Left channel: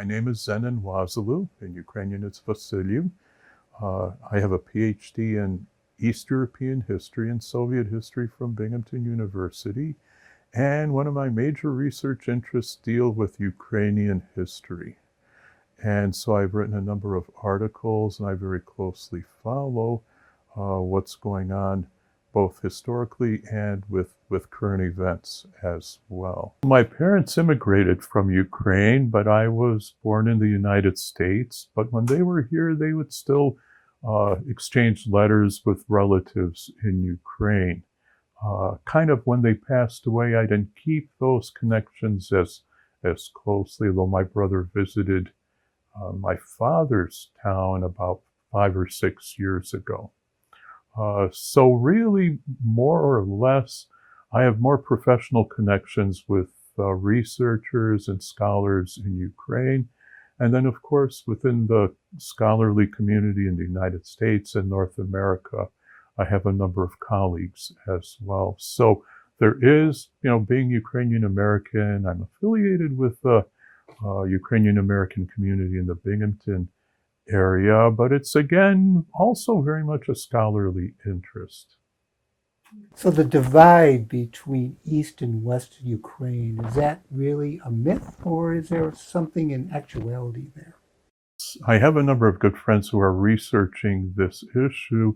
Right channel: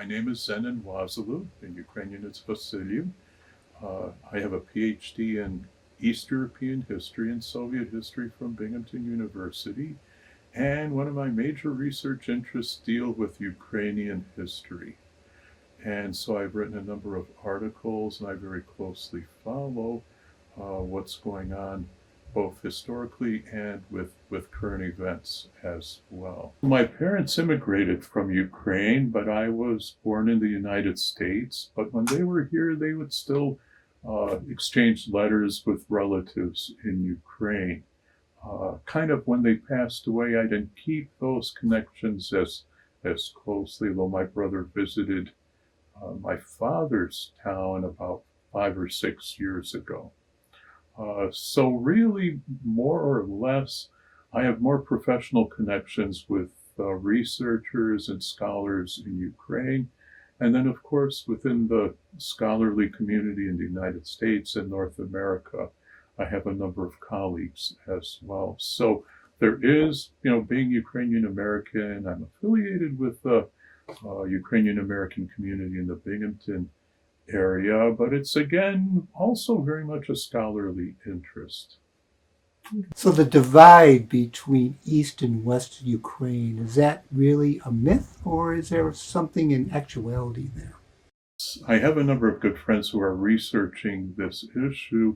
My name is Zenon in Ukrainian it's Vasily. I have a PhD in East European history and Soviet history from Binghamton University, and one of my major research interests deal with Ukrainian history. And so I've written a number of articles, and I very closely follow what's going on both historically and with current events as well. My parents immigrated from Ukraine, but I was born in the United States. But when they were here, they would still exchange letters with relatives in Ukraine. Kind of when they passed away, I didn't keep those connections as closely, though my brother visited my father's town about 5 or 6 years ago. So really, more or less, I have more professional connections with researchers and scholars in Ukraine. And then, of course, within the scholarly community in the United States and North America, I have a number of colleagues as well. So there is, being Ukrainian American, I'm affiliated with the Ukrainian American community in the Binghamton area, but it's again also very much a scholarly interest. So the divide between East and West Ukraine, is that really a myth or is there something in actuality there? I have a number of good friends who are researching this issue.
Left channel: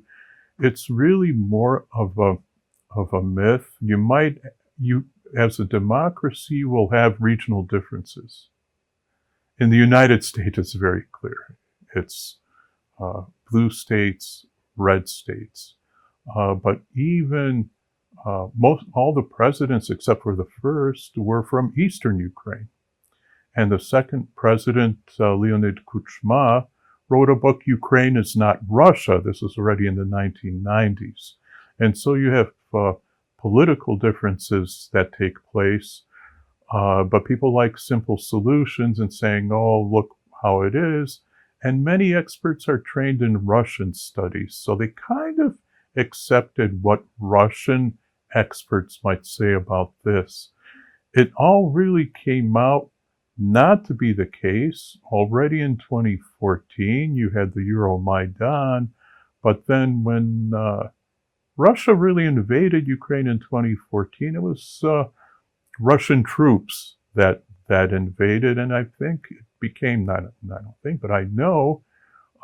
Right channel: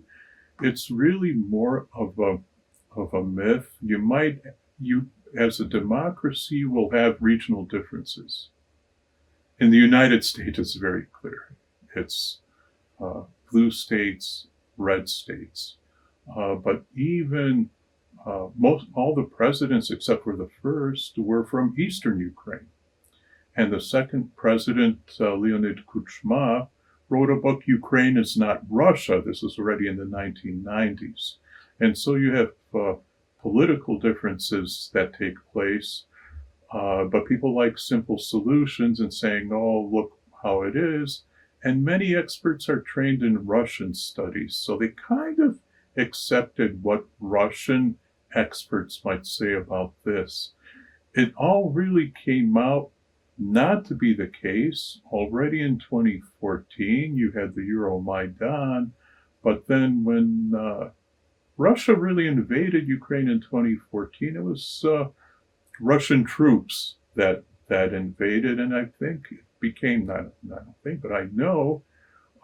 It's really more of a myth. You as a democracy will have regional differences. In the United States, it's very clear. It's blue states, red states. But even all the presidents, except for the first, were from Eastern Ukraine. And the second president, Leonid Kuchma, wrote a book, Ukraine is Not Russia. This was already in the 1990s. And so you have political differences that take place. But people like simple solutions and saying, oh, look how it is. And many experts are trained in Russian studies. So they kind of accepted what Russian experts might say about this. It all really came out not to be the case. Already in 2014, you had the Euromaidan. But then when Russia really invaded Ukraine in 2014, it was Russian troops that invaded, and I think it became not I don't think, but I know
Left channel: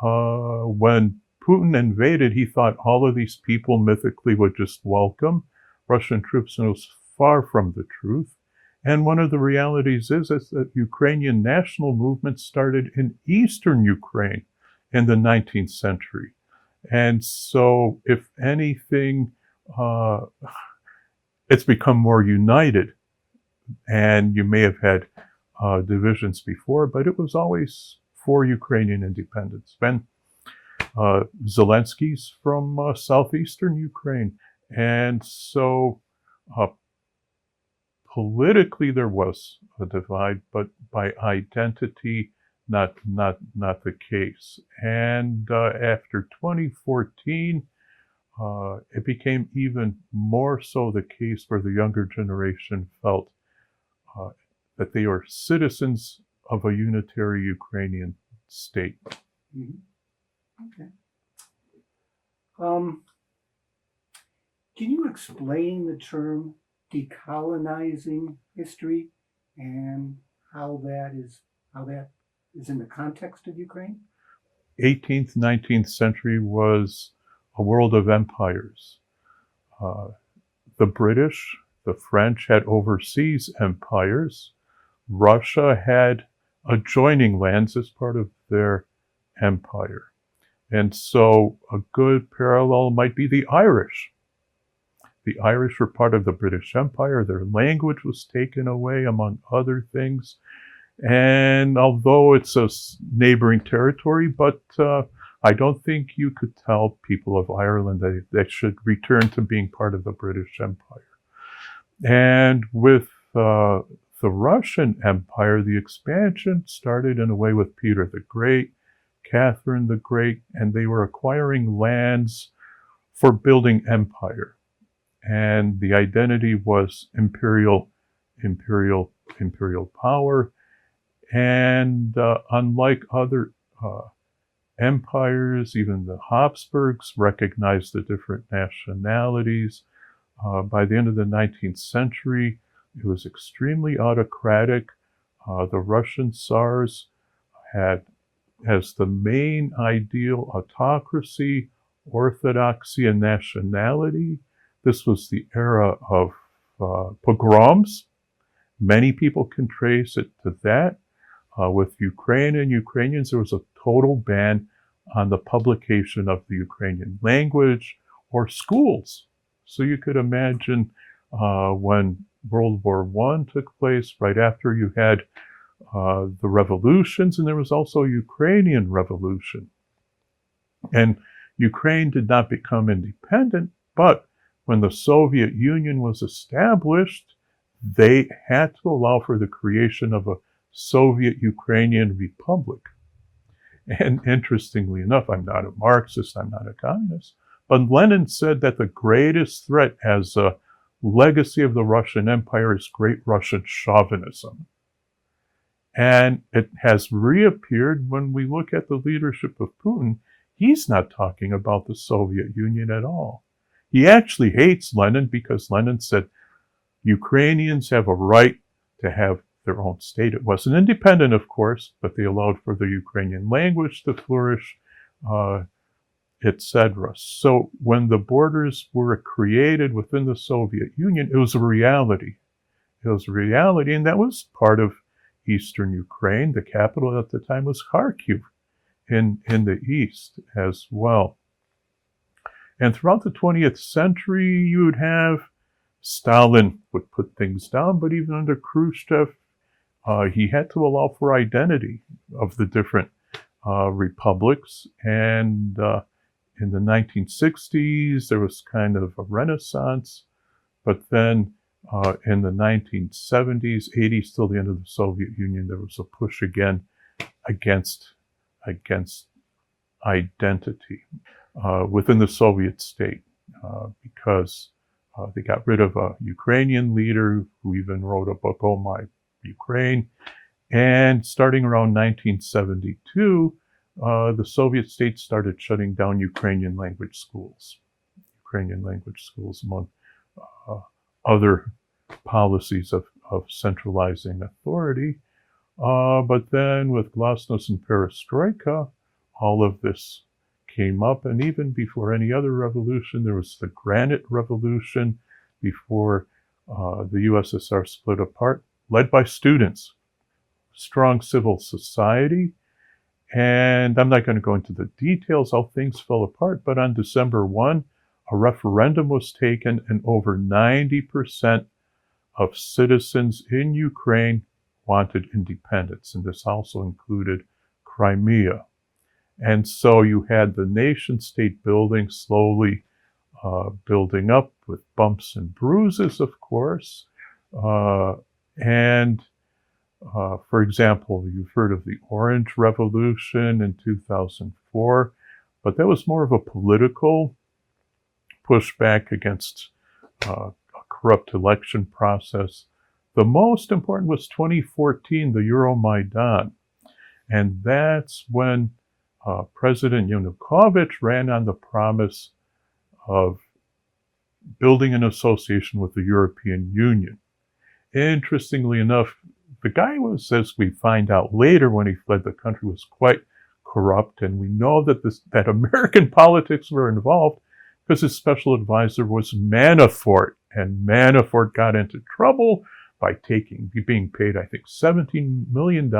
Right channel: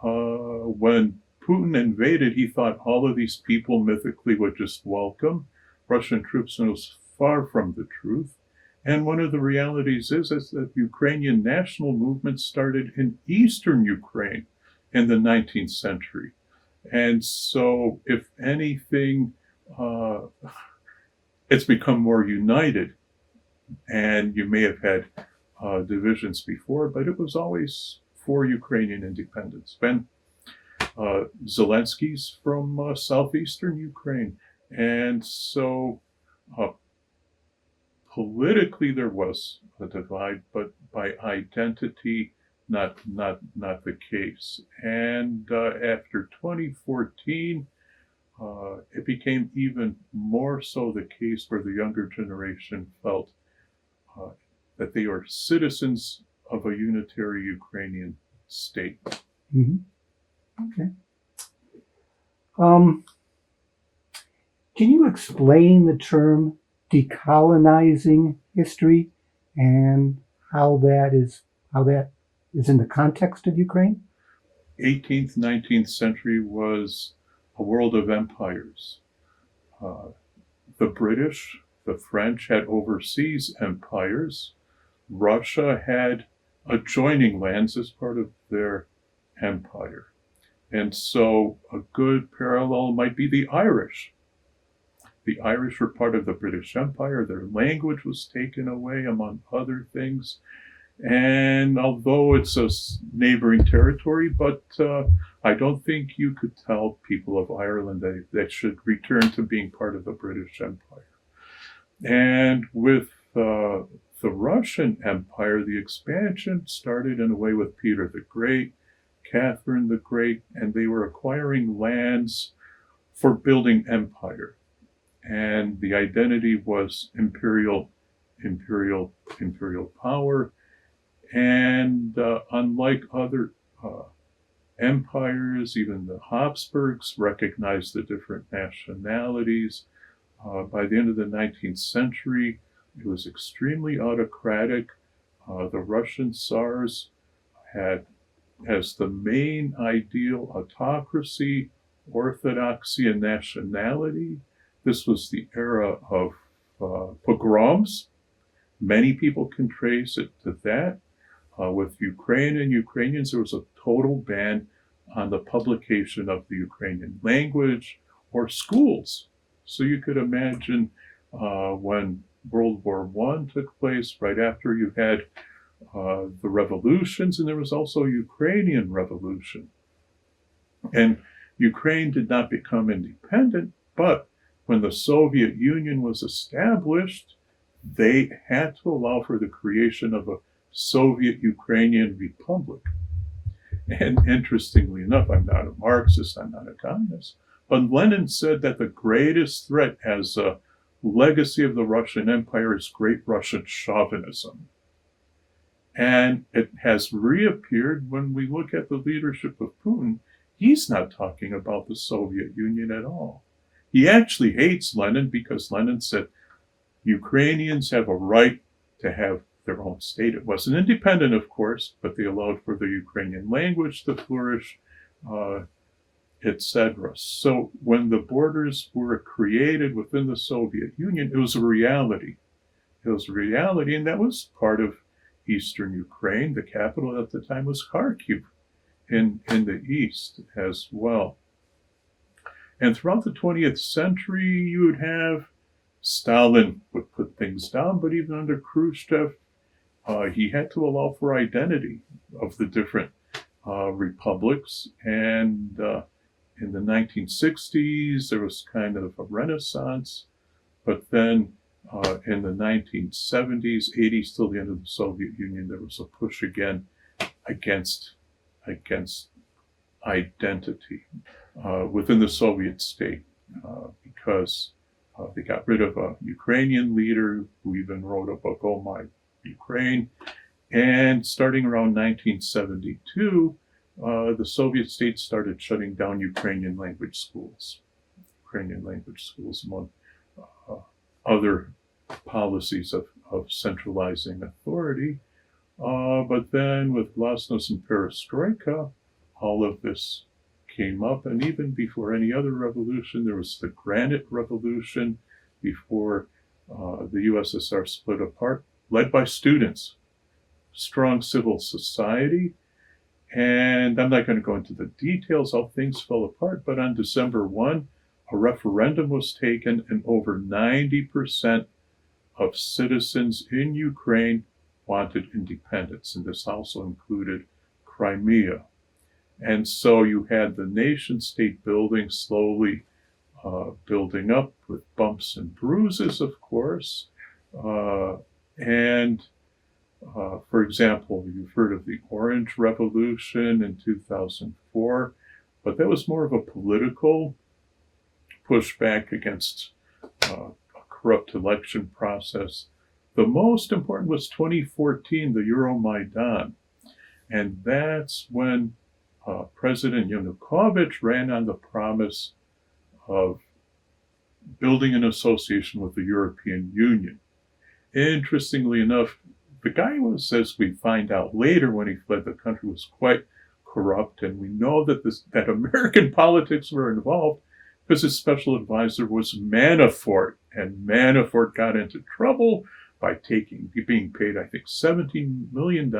when Putin invaded, he thought all of these people mythically would just welcome Russian troops, and it was far from the truth. And one of the realities is that Ukrainian national movement started in eastern Ukraine in the 19th century. And so, if anything, it's become more united. And you may have had divisions before, but it was always for Ukrainian independence. Zelensky's from southeastern Ukraine. And so politically there was a divide, but by identity, not the case. And after 2014, it became even more so the case where the younger generation felt that they are citizens of a unitary Ukrainian state. Mm-hmm. Okay. Can you explain the term decolonizing history and how that is in the context of Ukraine? 18th, 19th century was a world of empires. The British, the French had overseas empires. Russia had adjoining lands as part of their empire. And so a good parallel might be the Irish. The Irish were part of the British Empire. Their language was taken away, among other things. And although it's a neighboring territory, but I don't think you could tell people of Ireland they should return to being part of the British Empire. And with the Russian Empire, the expansion started in a way with Peter the Great, Catherine the Great, and they were acquiring lands for building empire. And the identity was imperial power. And unlike other empires, even the Habsburgs recognized the different nationalities. By the end of the 19th century, it was extremely autocratic. The Russian Tsars had as the main ideal autocracy, orthodoxy, and nationality. This was the era of pogroms. Many people can trace it to that. With Ukraine and Ukrainians, there was a total ban on the publication of the Ukrainian language or schools. So you could imagine when World War I took place, right after you had the revolutions, and there was also a Ukrainian revolution. And Ukraine did not become independent, but when the Soviet Union was established, they had to allow for the creation of a Soviet Ukrainian Republic. And interestingly enough, I'm not a Marxist, I'm not a communist, but Lenin said that the greatest threat as a legacy of the Russian Empire is great Russian chauvinism. And it has reappeared when we look at the leadership of Putin. He's not talking about the Soviet Union at all. He actually hates Lenin because Lenin said Ukrainians have a right to have their own state. It wasn't independent, of course, but they allowed for the Ukrainian language to flourish, etc. So when the borders were created within the Soviet Union, it was a reality. It was a reality, and that was part of Eastern Ukraine. The capital at the time was Kharkiv in the east as well. And throughout the 20th century, you would have Stalin would put things down, but even under Khrushchev, he had to allow for identity of the different republics. And in the 1960s, there was kind of a renaissance, but then in the 1970s, 80s, till the end of the Soviet Union, there was a push again against identity within the Soviet state because they got rid of a Ukrainian leader who even wrote a book, Oh My Ukraine. And starting around 1972, the Soviet states started shutting down Ukrainian language schools. Among other policies of centralizing authority. But then with Glasnost and Perestroika, all of this came up, and even before any other revolution, there was the Granite Revolution before the USSR split apart, led by students, strong civil society. And I'm not going to go into the details how things fell apart, but on December 1, a referendum was taken, and over 90% of citizens in Ukraine wanted independence, and this also included Crimea. And so you had the nation-state building slowly building up with bumps and bruises, of course. For example, you've heard of the Orange Revolution in 2004, but that was more of a political pushback against a corrupt election process. The most important was 2014, the Euromaidan. And that's when President Yanukovych ran on the promise of building an association with the European Union. Interestingly enough, the guy was, as we find out later when he fled the country, was quite corrupt, and we know that that American politics were involved because his special advisor was Manafort, and Manafort got into trouble by being paid, I think, $17 million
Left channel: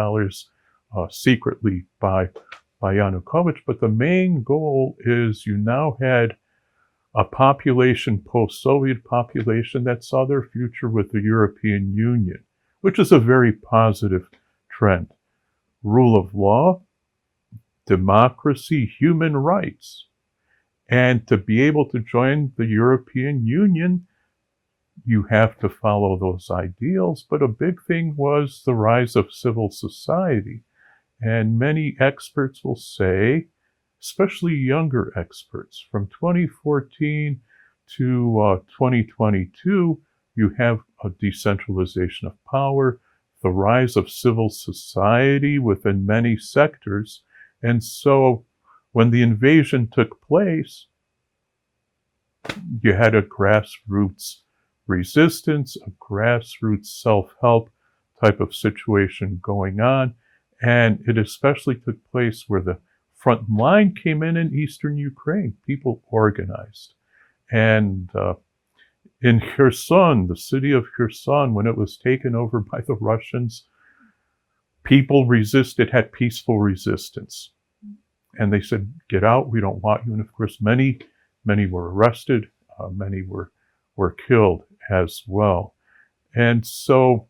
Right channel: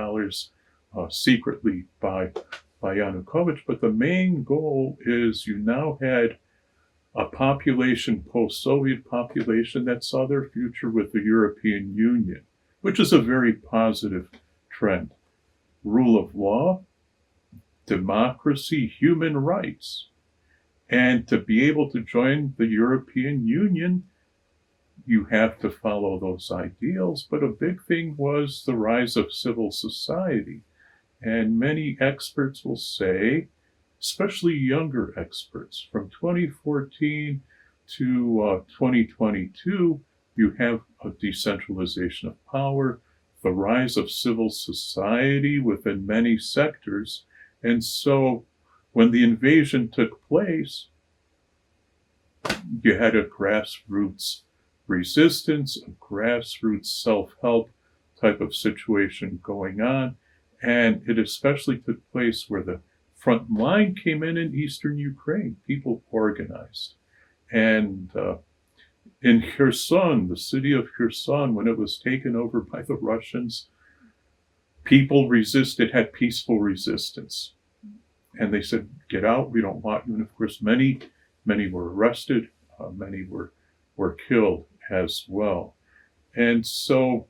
secretly by Yanukovych. But the main goal is you now had a population, post-Soviet population, that saw their future with the European Union, which is a very positive trend. Rule of law, democracy, human rights. And to be able to join the European Union, you have to follow those ideals. But a big thing was the rise of civil society. And many experts will say, especially younger experts, from 2014 to 2022, you have a decentralization of power the rise of civil society within many sectors. And so when the invasion took place, you had a grassroots resistance, a grassroots self-help type of situation going on. And it especially took place where the front line came in eastern Ukraine. People organized. And in Kherson, the city of Kherson, when it was taken over by the Russians, people resisted, had peaceful resistance. And they said, get out, we don't want you. And of course, many were arrested, many were killed as well. And so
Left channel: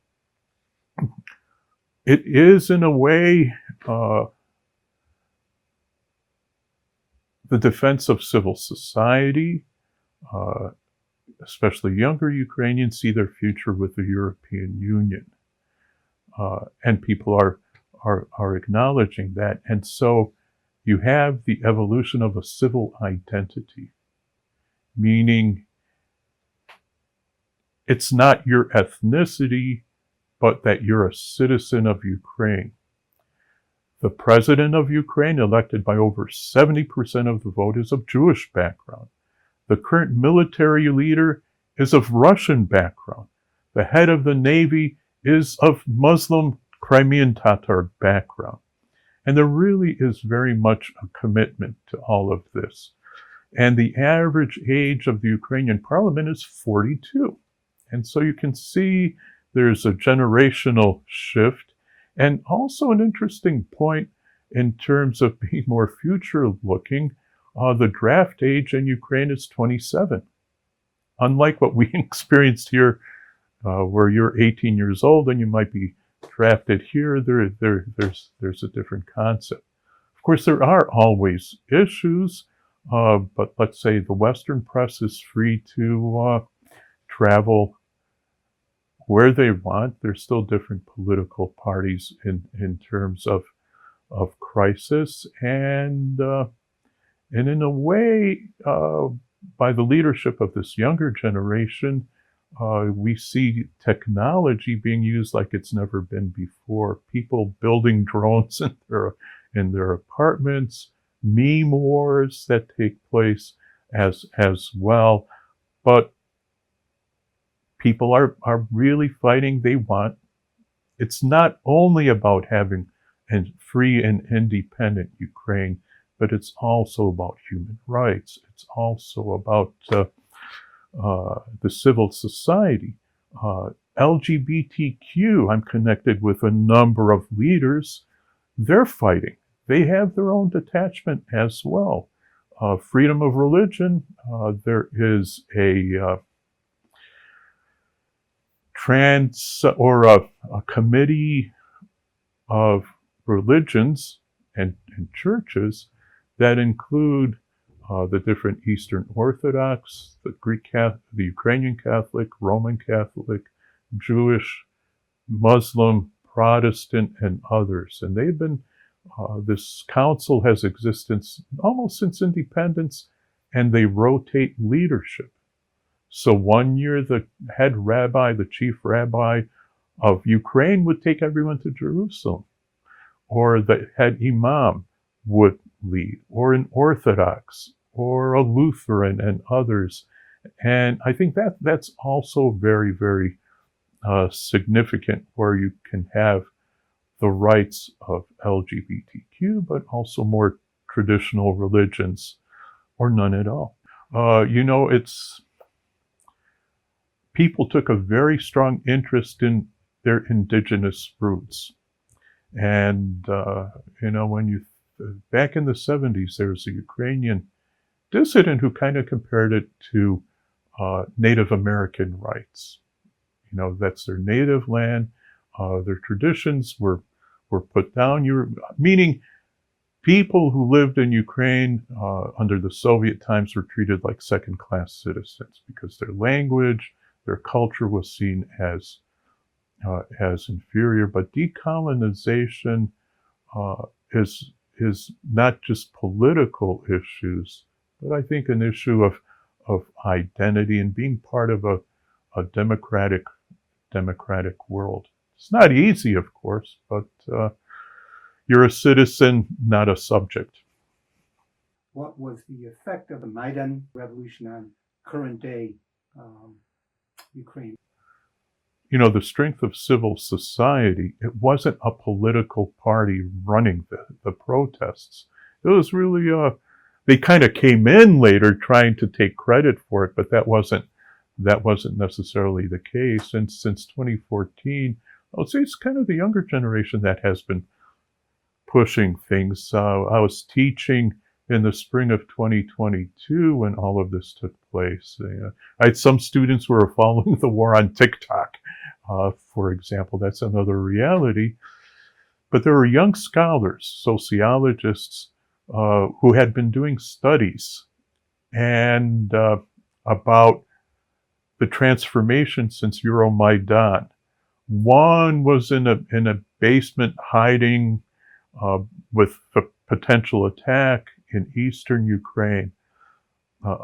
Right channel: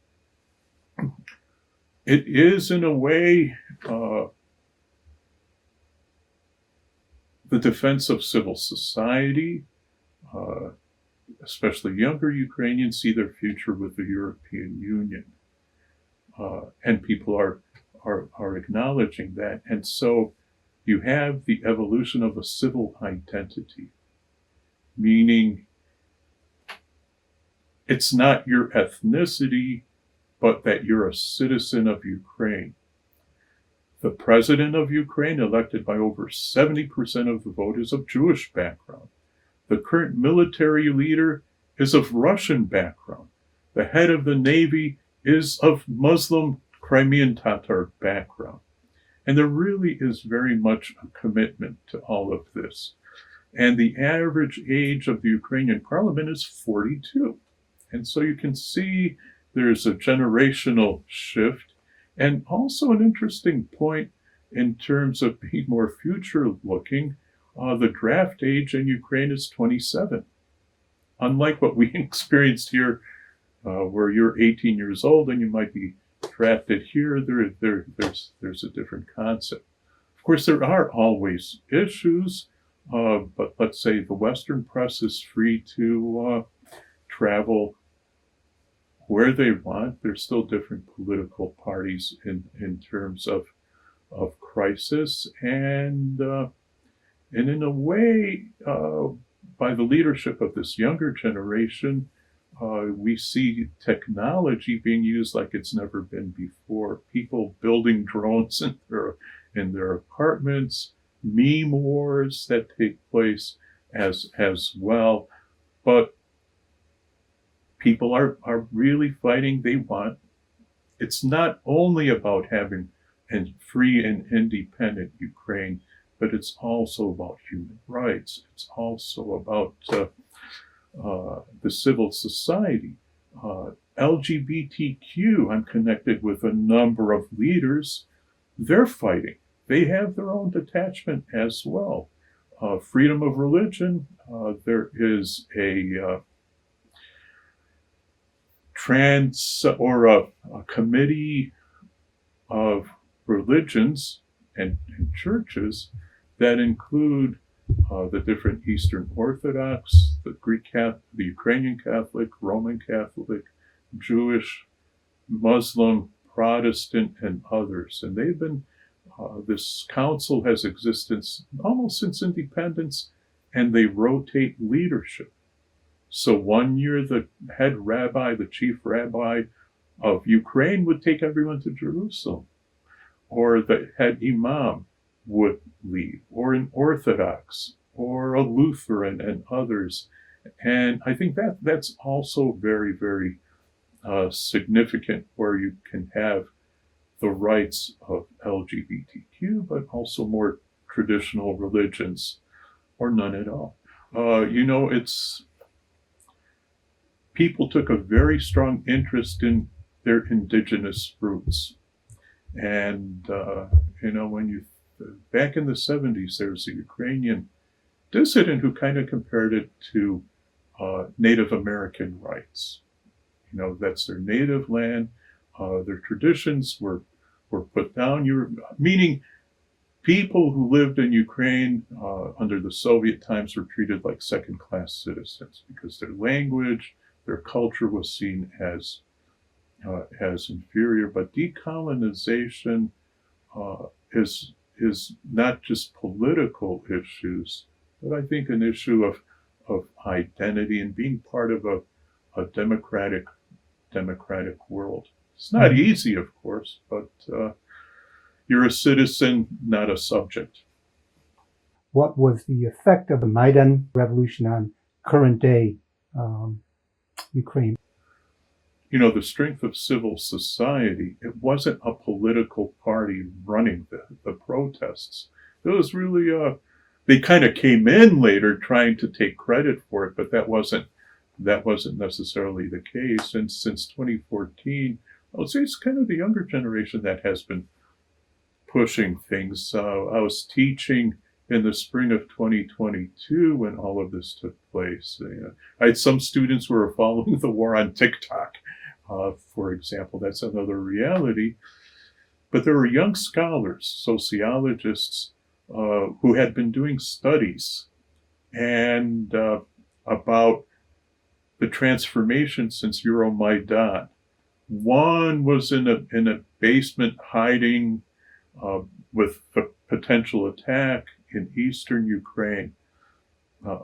it is, in a way, the defense of civil society, especially younger Ukrainians, see their future with the European Union. And people are acknowledging that. And so you have the evolution of a civil identity, meaning it's not your ethnicity, but that you're a citizen of Ukraine. The president of Ukraine, elected by over 70% of the vote, is of Jewish background. The current military leader is of Russian background. The head of the Navy is of Muslim Crimean Tatar background. And there really is very much a commitment to all of this. And the average age of the Ukrainian parliament is 42. And so you can see there's a generational shift, and also an interesting point in terms of being more future-looking. The draft age in Ukraine is 27. Unlike what we experienced here, where you're 18 years old and you might be drafted here, there's a different concept. Of course, there are always issues, but let's say the Western press is free to travel where they want. There's still different political parties in terms of crisis, and in a way, by the leadership of this younger generation, we see technology being used like it's never been before. People building drones in their apartments, meme wars that take place as well. But people are really fighting. They want, it's not only about having a free and independent Ukraine, but it's also about human rights. It's also about the civil society. LGBTQ, I'm connected with a number of leaders. They're fighting. They have their own detachment as well. Freedom of religion, there is a a committee of religions and churches that include the different Eastern Orthodox, the Greek Catholic, the Ukrainian Catholic, Roman Catholic, Jewish, Muslim, Protestant, and others. And they've been, this council has existed almost since independence, and they rotate leadership. So one year the head rabbi, the chief rabbi of Ukraine would take everyone to Jerusalem, or the head imam would lead, or an Orthodox, or a Lutheran, and others. And I think that's also very, very significant, where you can have the rights of LGBTQ, but also more traditional religions, or none at all. People took a very strong interest in their indigenous roots. And, when back in the 70s, there was a Ukrainian dissident who kind of compared it to Native American rights. That's their native land. Their traditions were put down. Meaning people who lived in Ukraine under the Soviet times were treated like second-class citizens because their language, their culture was seen as inferior. But decolonization is not just political issues, but I think an issue of identity and being part of a democratic world. It's not easy, of course, but you're a citizen, not a subject. What was the effect of the Maidan revolution on current day Ukraine? You know, the strength of civil society, it wasn't a political party running the protests. It was really, they kind of came in later trying to take credit for it, but that wasn't necessarily the case. And since 2014, I would say it's kind of the younger generation that has been pushing things. I was teaching in the spring of 2022 when all of this took place. I had some students who were following the war on TikTok, for example. That's another reality. But there were young scholars, sociologists, who had been doing studies and about the transformation since Euromaidan. One was in a basement hiding with a potential attack in eastern Ukraine.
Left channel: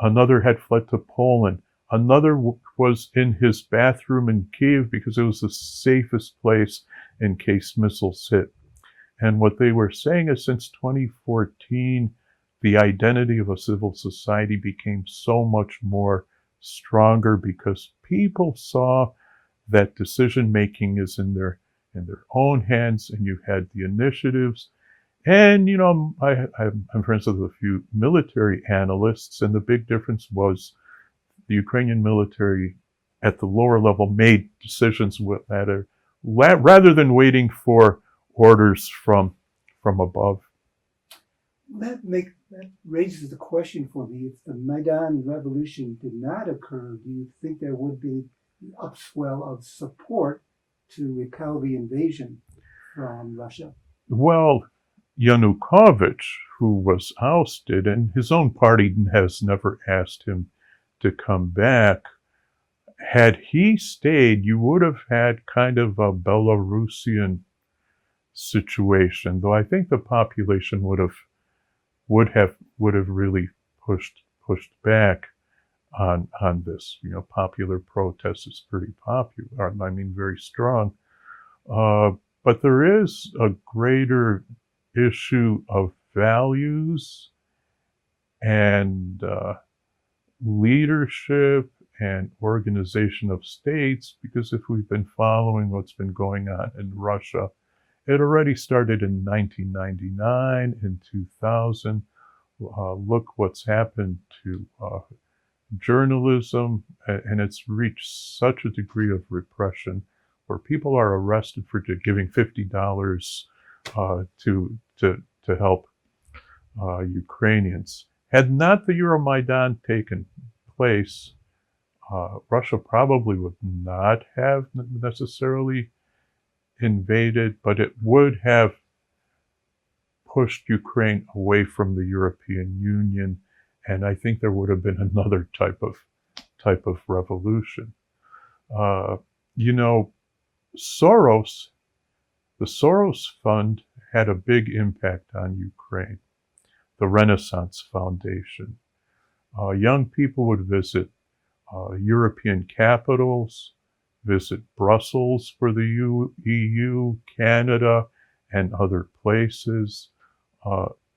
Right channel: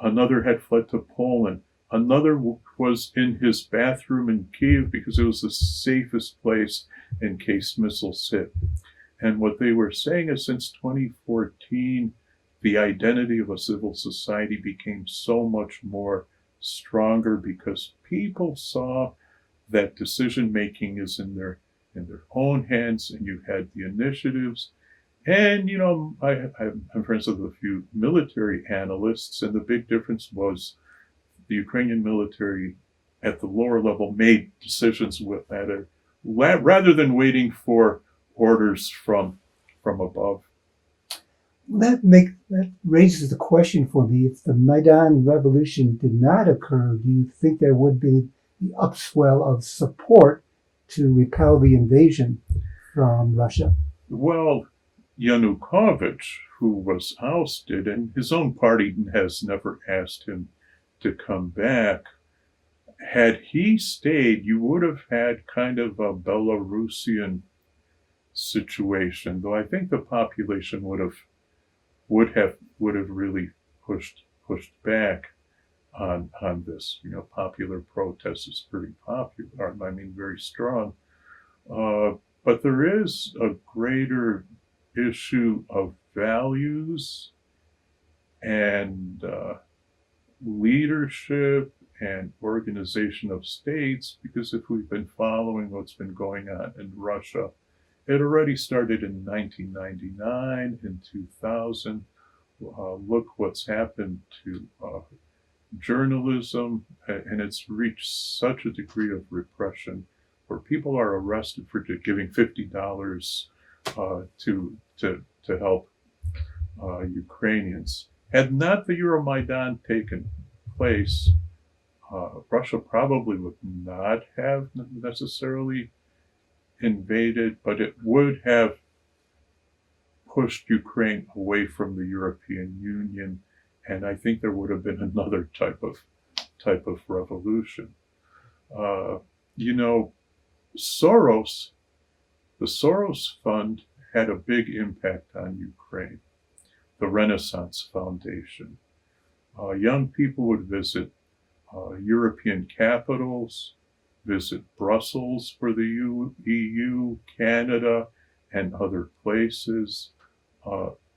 Another had fled to Poland. Another was in his bathroom in Kiev because it was the safest place in case missiles hit. And what they were saying is since 2014, the identity of a civil society became so much more stronger because people saw that decision making is in their own hands, and you had the initiatives. And you know, I'm friends with a few military analysts, and the big difference was the Ukrainian military at the lower level made decisions with that, rather than waiting for orders from above. That raises the question for me. If the Maidan revolution did not occur, do you think there would be the upswell of support to repel the invasion from Russia? Well, Yanukovych, who was ousted, and his own party has never asked him to come back, had he stayed, you would have had kind of a Belarusian situation, though I think the population would have really pushed back on this. You know, popular protest is pretty popular. I mean, very strong. But there is a greater issue of values and leadership and organization of states, because if we've been following what's been going on in Russia, it already started in 1999, in 2000. Look what's happened to journalism, and it's reached such a degree of repression where people are arrested for giving $50 to help Ukrainians. Had not the Euromaidan taken place, Russia probably would not have necessarily invaded, but it would have pushed Ukraine away from the European Union, and I think there would have been another type of revolution. You know, the Soros Fund had a big impact on Ukraine. The Renaissance Foundation. Young people would visit European capitals, visit Brussels for the EU, Canada, and other places,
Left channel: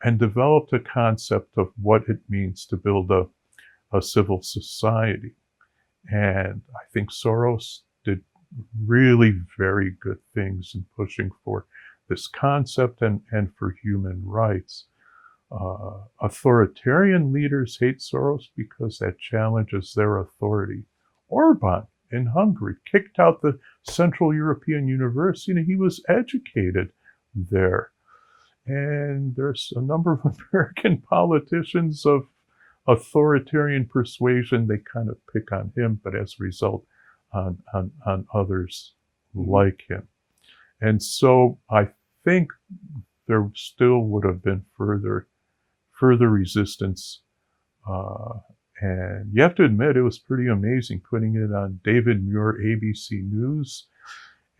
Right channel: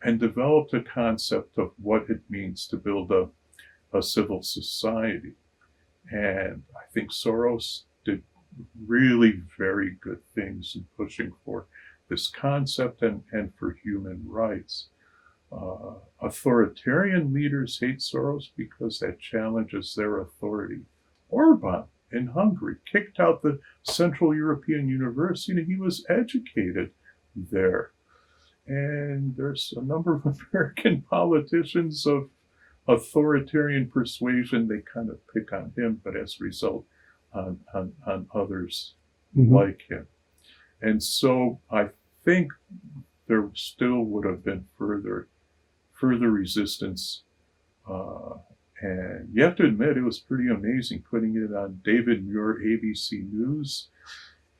and developed a concept of what it means to build a civil society. And I think Soros did really very good things in pushing for this concept and for human rights. Authoritarian leaders hate Soros because that challenges their authority. Orban in Hungary kicked out the Central European University, and he was educated there. And there's a number of American politicians of authoritarian persuasion. They kind of pick on him, but as a result, on others like him. And so I think there still would have been further resistance. And you have to admit, it was pretty amazing putting it on David Muir, ABC News,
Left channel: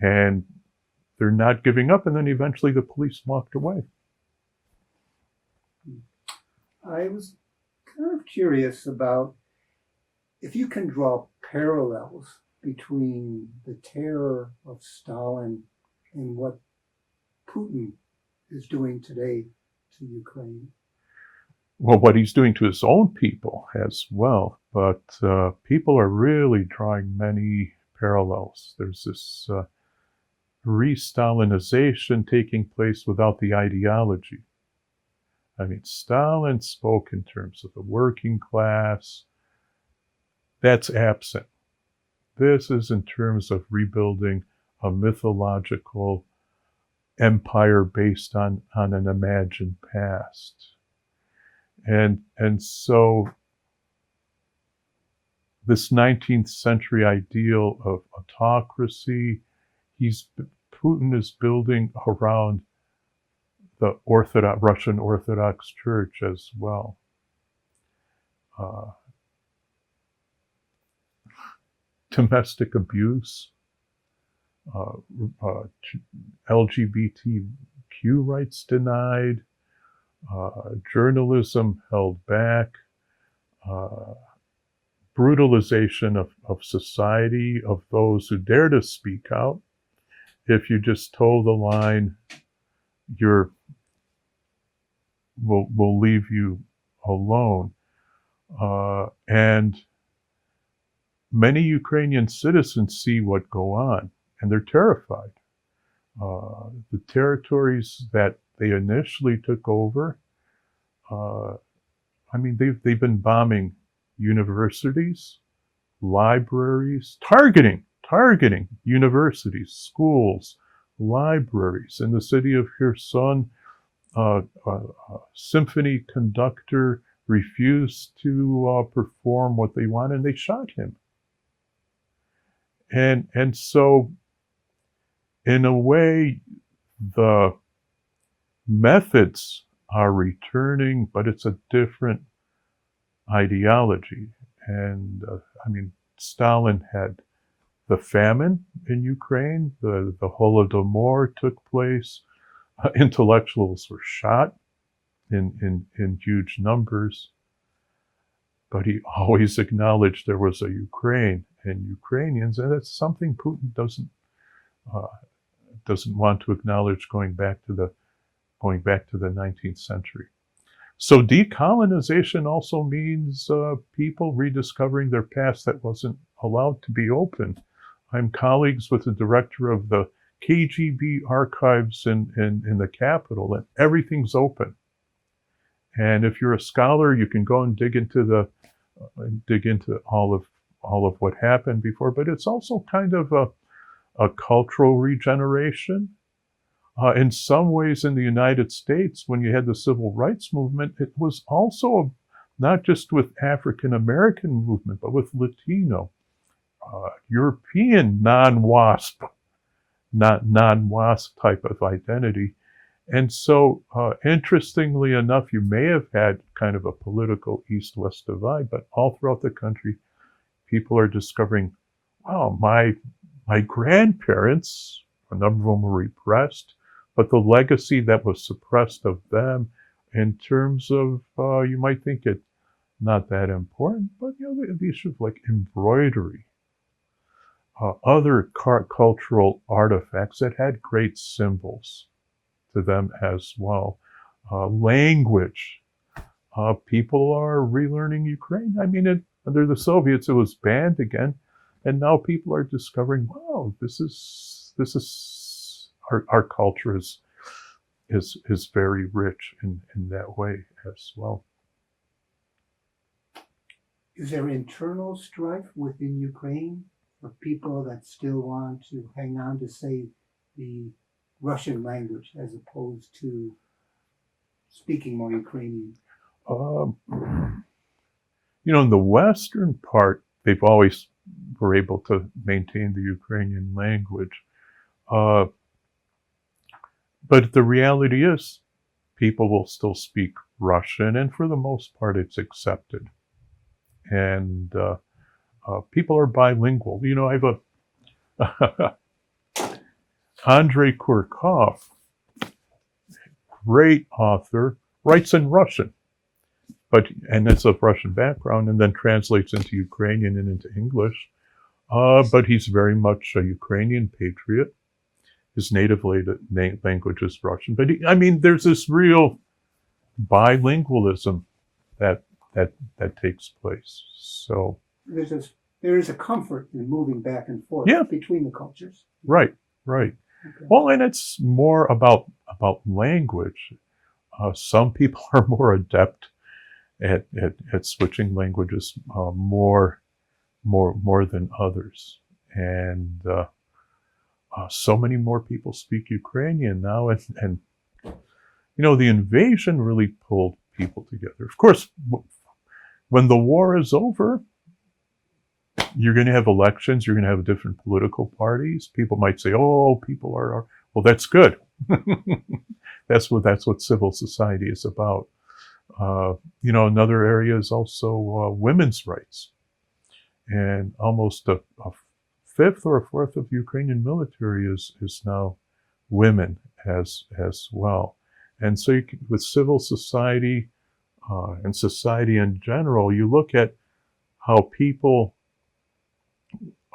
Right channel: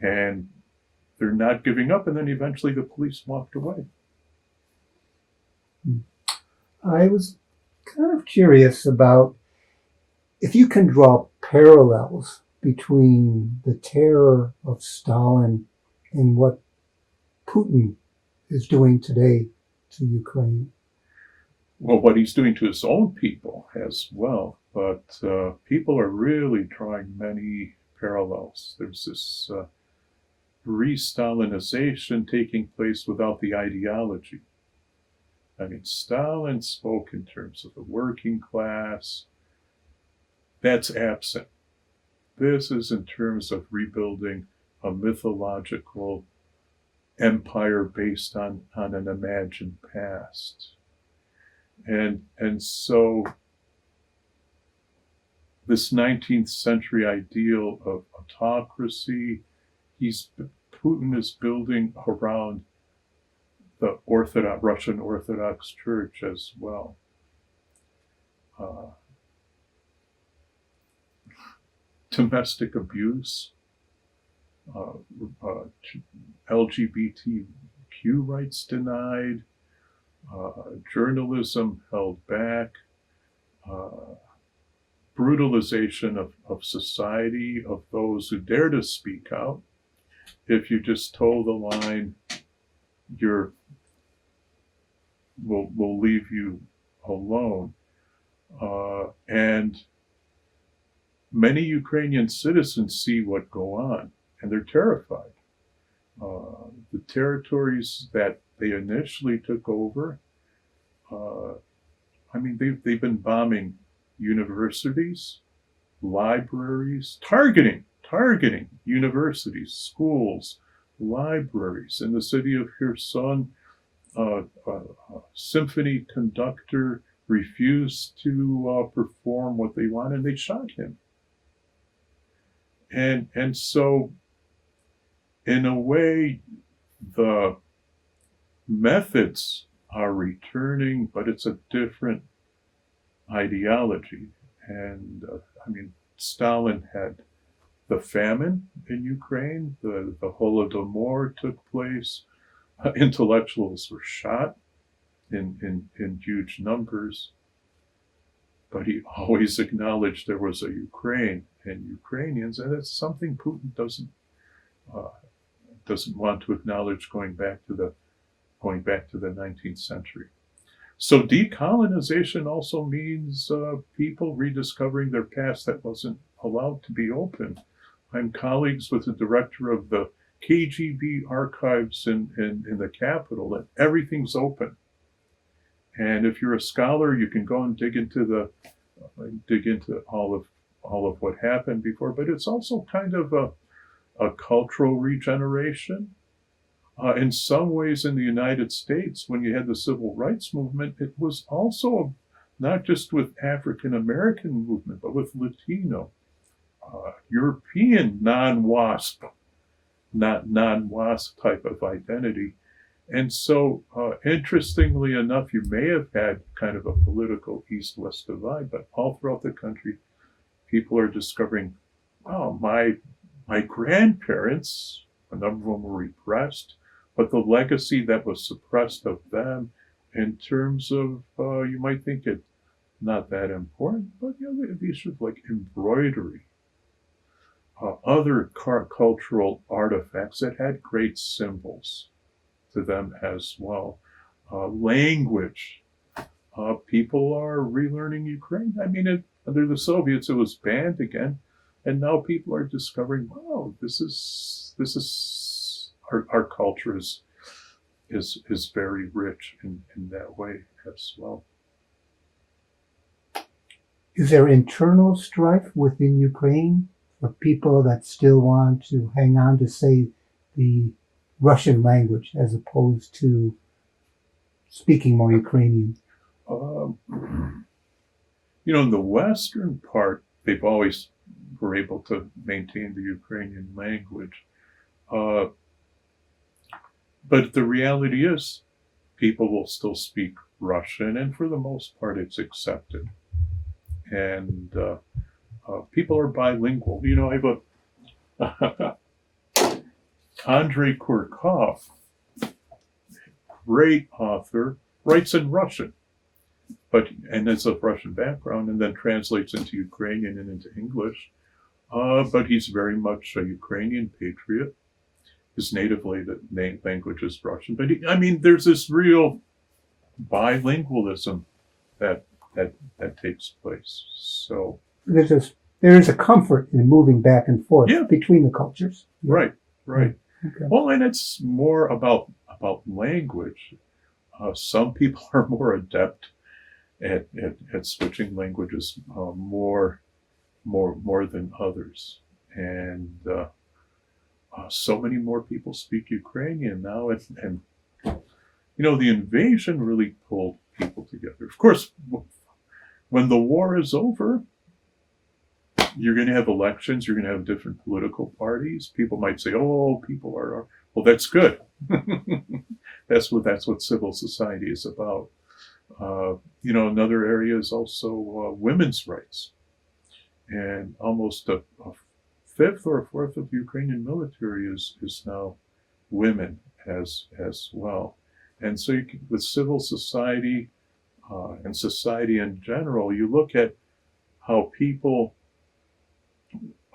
and they're not giving up. And then eventually the police walked away. I was kind of curious about if you can draw parallels between the terror of Stalin and what Putin is doing today to Ukraine? Well, what he's doing to his own people as well, but people are really drawing many parallels. There's this re-Stalinization taking place without the ideology. I mean, Stalin spoke in terms of the working class. That's absent. This is in terms of rebuilding a mythological empire based on an imagined past. And so this 19th century ideal of autocracy, Putin is building around the Russian Orthodox Church as well. Domestic abuse, LGBTQ rights denied, journalism held back, brutalization of society, of those who dare to speak out. If you just toe the line, we'll leave you alone. And many Ukrainian citizens see what go on, and they're terrified. The territories that they initially took over, I mean, they've been bombing universities, libraries, targeting universities, schools, libraries. In the city of Kherson, a symphony conductor refused to perform what they wanted, and they shot him. And so, in a way, the methods are returning, but it's a different ideology. And I mean, Stalin had the famine in Ukraine, the Holodomor took place, intellectuals were shot in huge numbers, but he always acknowledged there was a Ukraine and Ukrainians, and that's something Putin doesn't want to acknowledge going back to the 19th century. So decolonization also means people rediscovering their past that wasn't allowed to be open. I'm colleagues with the director of the KGB archives in the capital, and everything's open. And if you're a scholar, you can go and dig into all of what happened before. But it's also kind of a cultural regeneration. In some ways, in the United States, when you had the civil rights movement, it was also not just with African American movement, but with Latino, European non-WASP type of identity. And so, interestingly enough, you may have had kind of a political East-West divide, but all throughout the country, people are discovering, wow, my grandparents, a number of them were repressed, but the legacy that was suppressed of them in terms of, you might think it not that important, but the issue of like embroidery, other cultural artifacts that had great symbols to them as well. Language. People are relearning Ukraine. I mean, under the Soviets, it was banned again, and now people are discovering, wow, this is our culture is very rich in that way as well. Is there internal strife within Ukraine for people that still want to hang on to, say, the Russian language as opposed to speaking more Ukrainian? In the western part, they've always were able to maintain the Ukrainian language. But the reality is, people will still speak Russian, and for the most part, it's accepted. And people are bilingual. I have Andrei Kurkov, great author, writes in Russian, and it's of Russian background, and then translates into Ukrainian and into English. But he's very much a Ukrainian patriot. His native language is Russian. But I mean, there's this real bilingualism that that takes place. So There's a, there is a comfort in moving back and forth yeah, between the cultures. right, right. Okay. Well, and it's more about language. Some people are more adept at switching languages more than others, and so many more people speak Ukrainian now, and you know the invasion really pulled people together. Of course, when the war is over, you're going to have elections. You're going to have different political parties. People might say, "Oh, people are well." That's good. That's what civil society is about. You know, another area is also women's rights, and almost a fifth or a fourth of the Ukrainian military is now women as well. And so you can, with civil society and society in general, you look at how people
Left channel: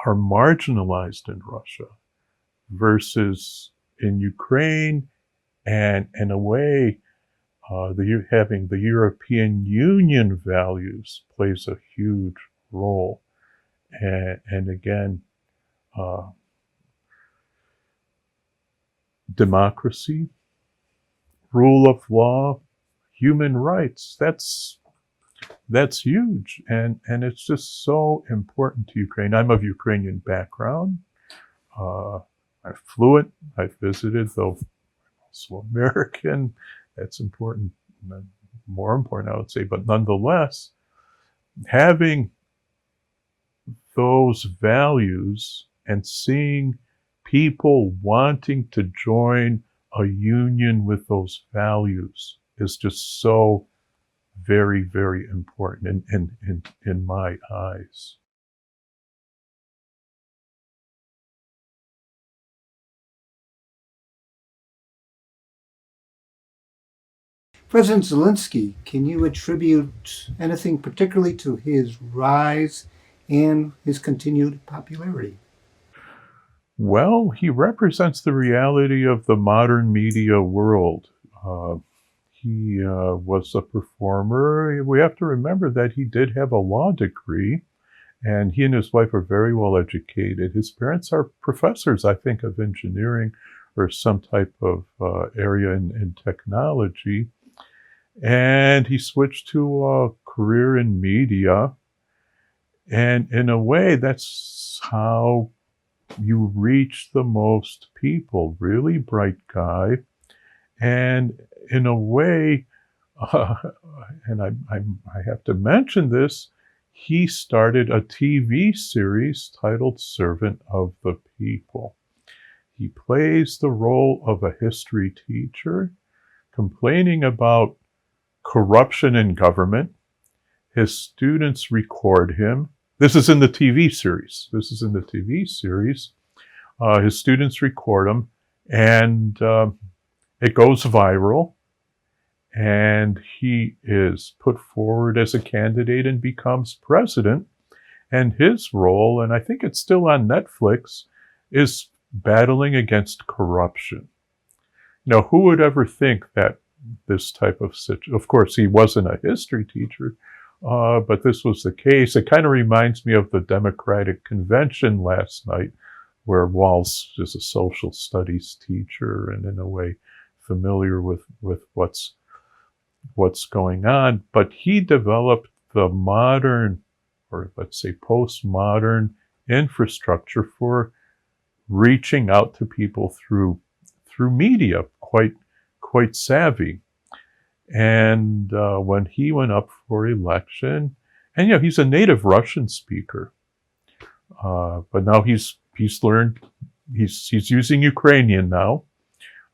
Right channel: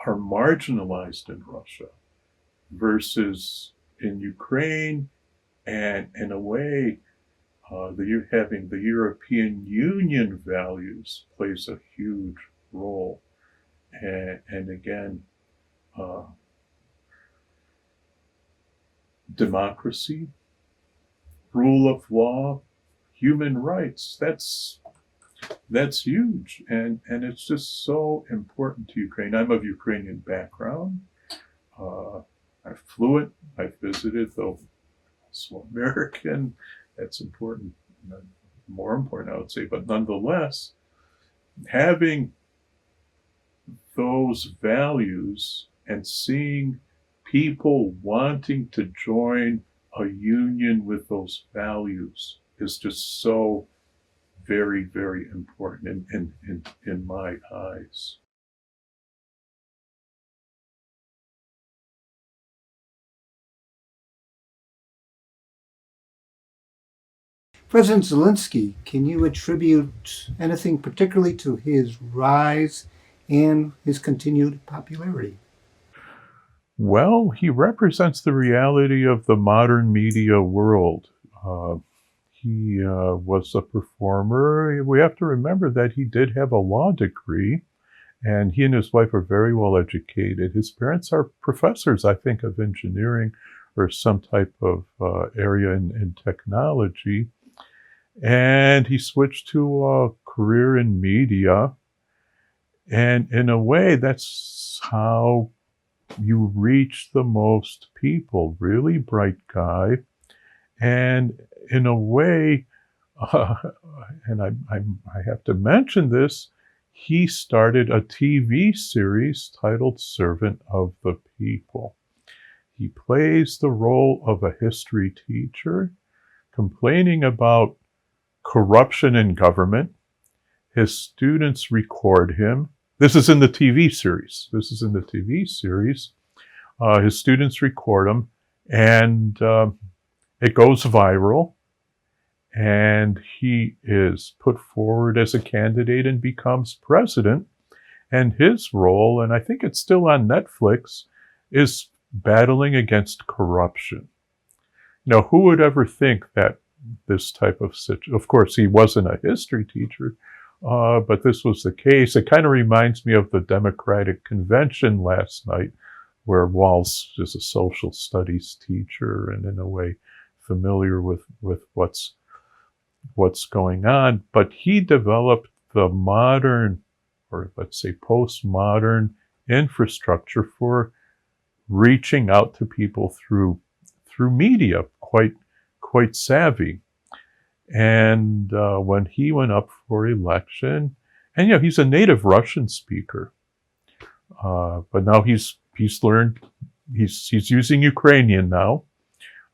are marginalized in Russia versus in Ukraine, and in a way, having the European Union values plays a huge role. And again, uh, democracy, rule of law, human rights, that's huge. And it's just so important to Ukraine. I'm of Ukrainian background. I'm fluent. I've visited, though also American. That's important, more important, I would say. But nonetheless, having those values and seeing people wanting to join a union with those values is just so very, very important in my eyes. President Zelensky, can you attribute anything particularly to his rise and his continued popularity? Well, he represents the reality of the modern media world. Uh, he was a performer. We have to remember that he did have a law degree, and he and his wife are very well educated. His parents are professors, I think, of engineering or some type of area in technology. And he switched to a career in media. And in a way, that's how you reach the most people. Really bright guy. And in a way, uh, and I have to mention this, he started a TV series titled Servant of the People. He plays the role of a history teacher complaining about corruption in government. His students record him. This is in the TV series. His students record him, and it goes viral. And he is put forward as a candidate and becomes president. And his role, and I think it's still on Netflix, is battling against corruption. Now, who would ever think that this type of situation? Of course, he wasn't a history teacher, but this was the case. It kind of reminds me of the Democratic Convention last night, where Walz is a social studies teacher and in a way familiar with what's going on. But he developed the modern, or let's say postmodern, infrastructure for reaching out to people through media, quite savvy. And when he went up for election, and he's a native Russian speaker, but now he's learned, he's using Ukrainian now,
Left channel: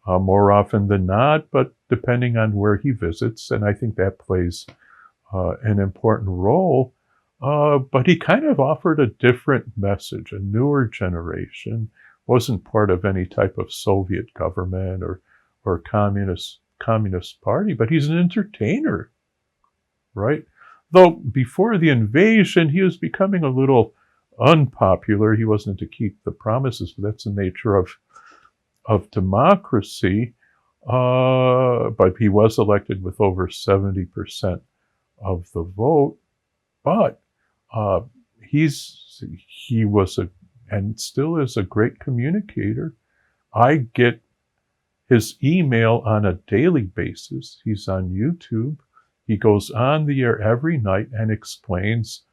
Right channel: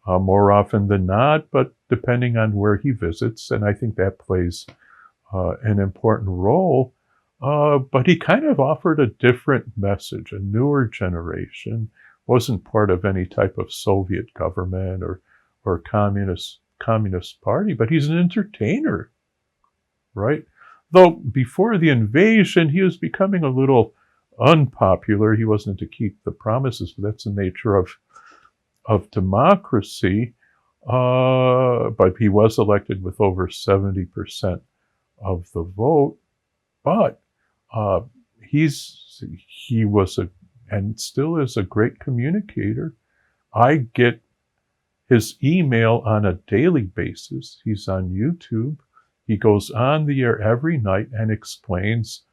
more often than not, but depending on where he visits, and I think that plays an important role. But he kind of offered a different message, a newer generation, wasn't part of any type of Soviet government or communist party, but he's an entertainer, right? Though before the invasion, he was becoming a little unpopular. He wasn't to keep the promises, but that's the nature of democracy. But he was elected with over 70% of the vote. But uh, he was and still is a great communicator. I get his email on a daily basis. He's on YouTube. He goes on the air every night and explains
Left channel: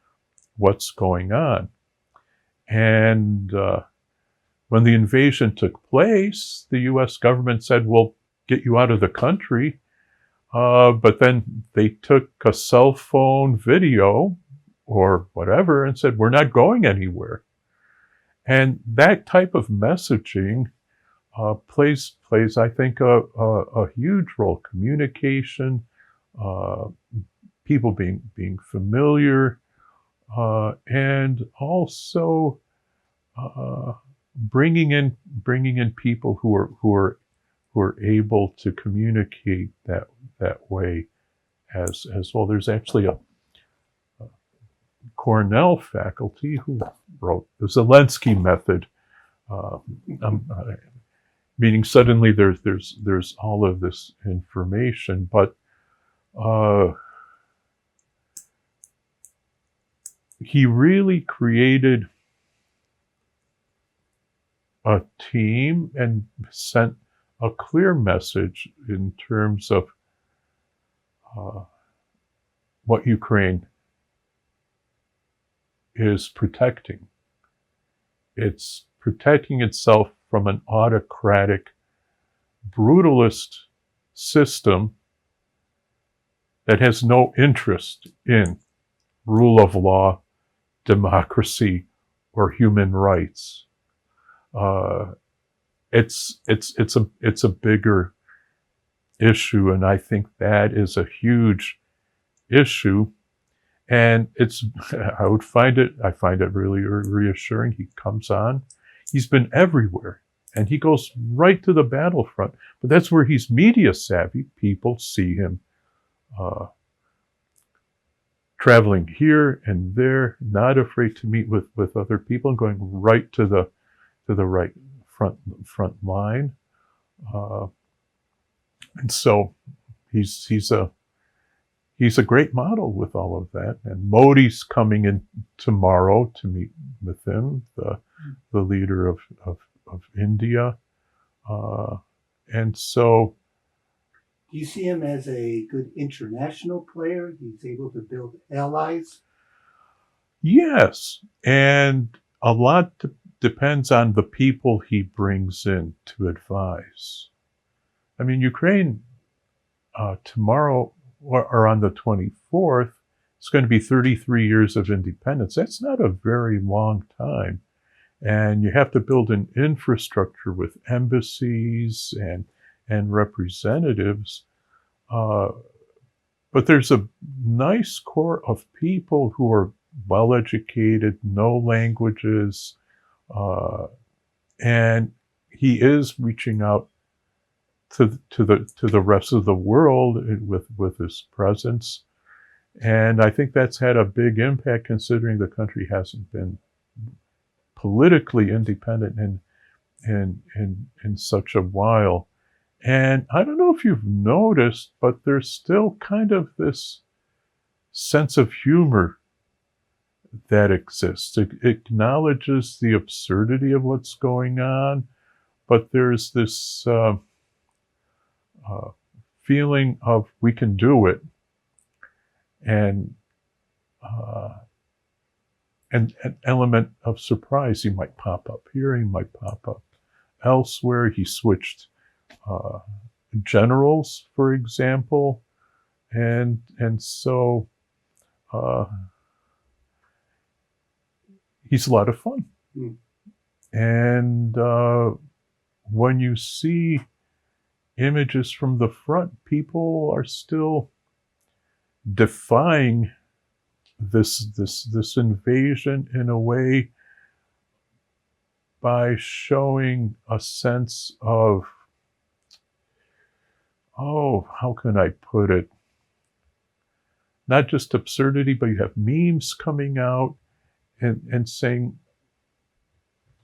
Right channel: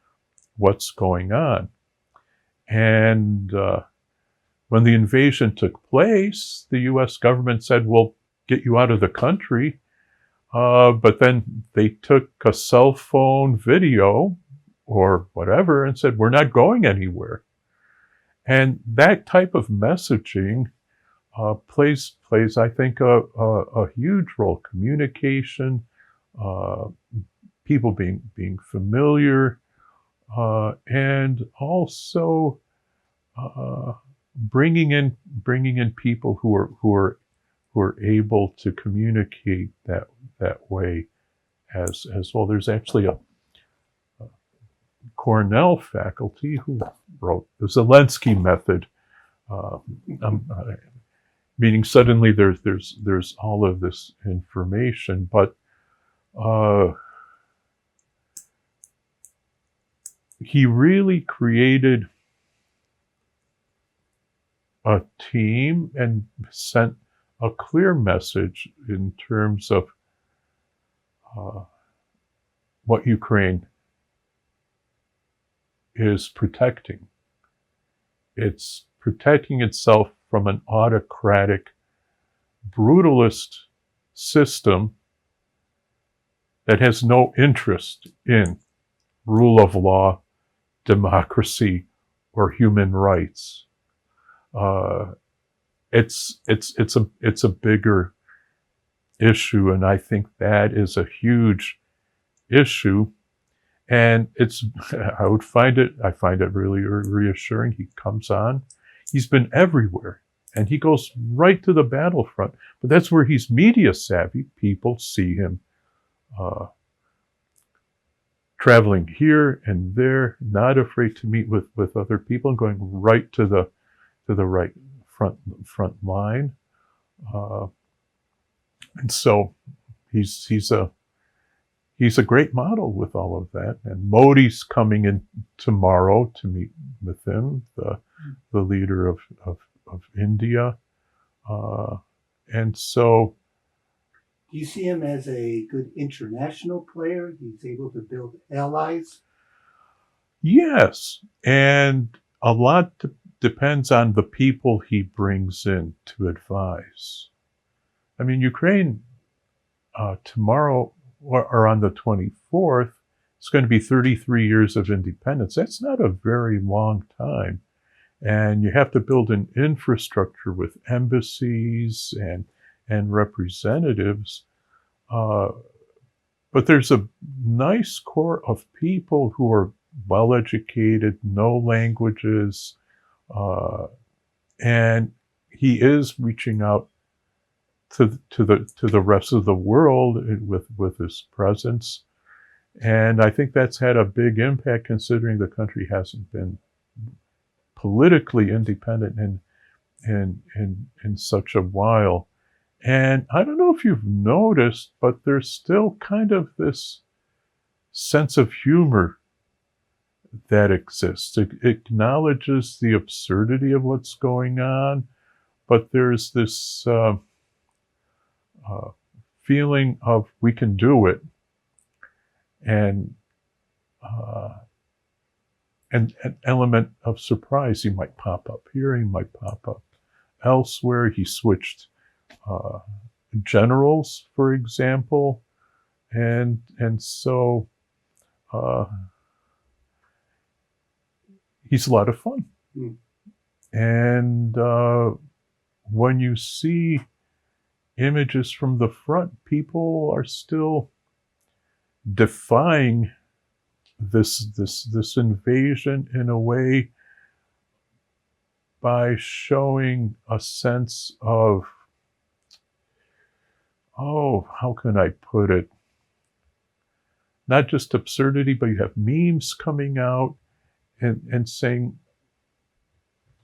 what's going on. And when the invasion took place, the U.S. government said, we'll get you out of the country. But then they took a cell phone video or whatever and said, we're not going anywhere. And that type of messaging plays, I think, a huge role. Communication, people being familiar, and also bringing in people who are able to communicate that way as well. There's actually a Cornell faculty who wrote the Zelensky method. Meaning suddenly there's all of this information, but he really created a team and sent a clear message in terms of what Ukraine is protecting. It's protecting itself from an autocratic, brutalist system that has no interest in rule of law, democracy, or human rights. It's a bigger issue, and I think that is a huge issue. And I find it really reassuring. He comes on. He's been everywhere, and he goes right to the battlefront. But that's where he's media savvy. People see him traveling here and there, not afraid to meet with other people, and going right to the right front line. And so he's a great model with all of that. And Modi's coming in tomorrow to meet with him, the leader of India. And so, do you see him as a good international player? He's able to build allies? Yes. And a lot depends on the people he brings in to advise. I mean, Ukraine tomorrow, or on the 24th, it's going to be 33 years of independence. That's not a very long time. And you have to build an infrastructure with embassies and representatives. But there's a nice core of people who are well-educated, know languages, and he is reaching out to the rest of the world with his presence. And I think that's had a big impact, considering the country hasn't been politically independent in such a while. And I don't know if you've noticed, but there's still kind of this sense of humor that exists. It acknowledges the absurdity of what's going on, but there's this feeling of we can do it, and an element of surprise. He might pop up here, he might pop up elsewhere. He switched generals, for example, and so he's a lot of fun. Mm. And when you see images from the front, people are still defying this invasion in a way by showing a sense of, how can I put it? Not just absurdity, but you have memes coming out and saying,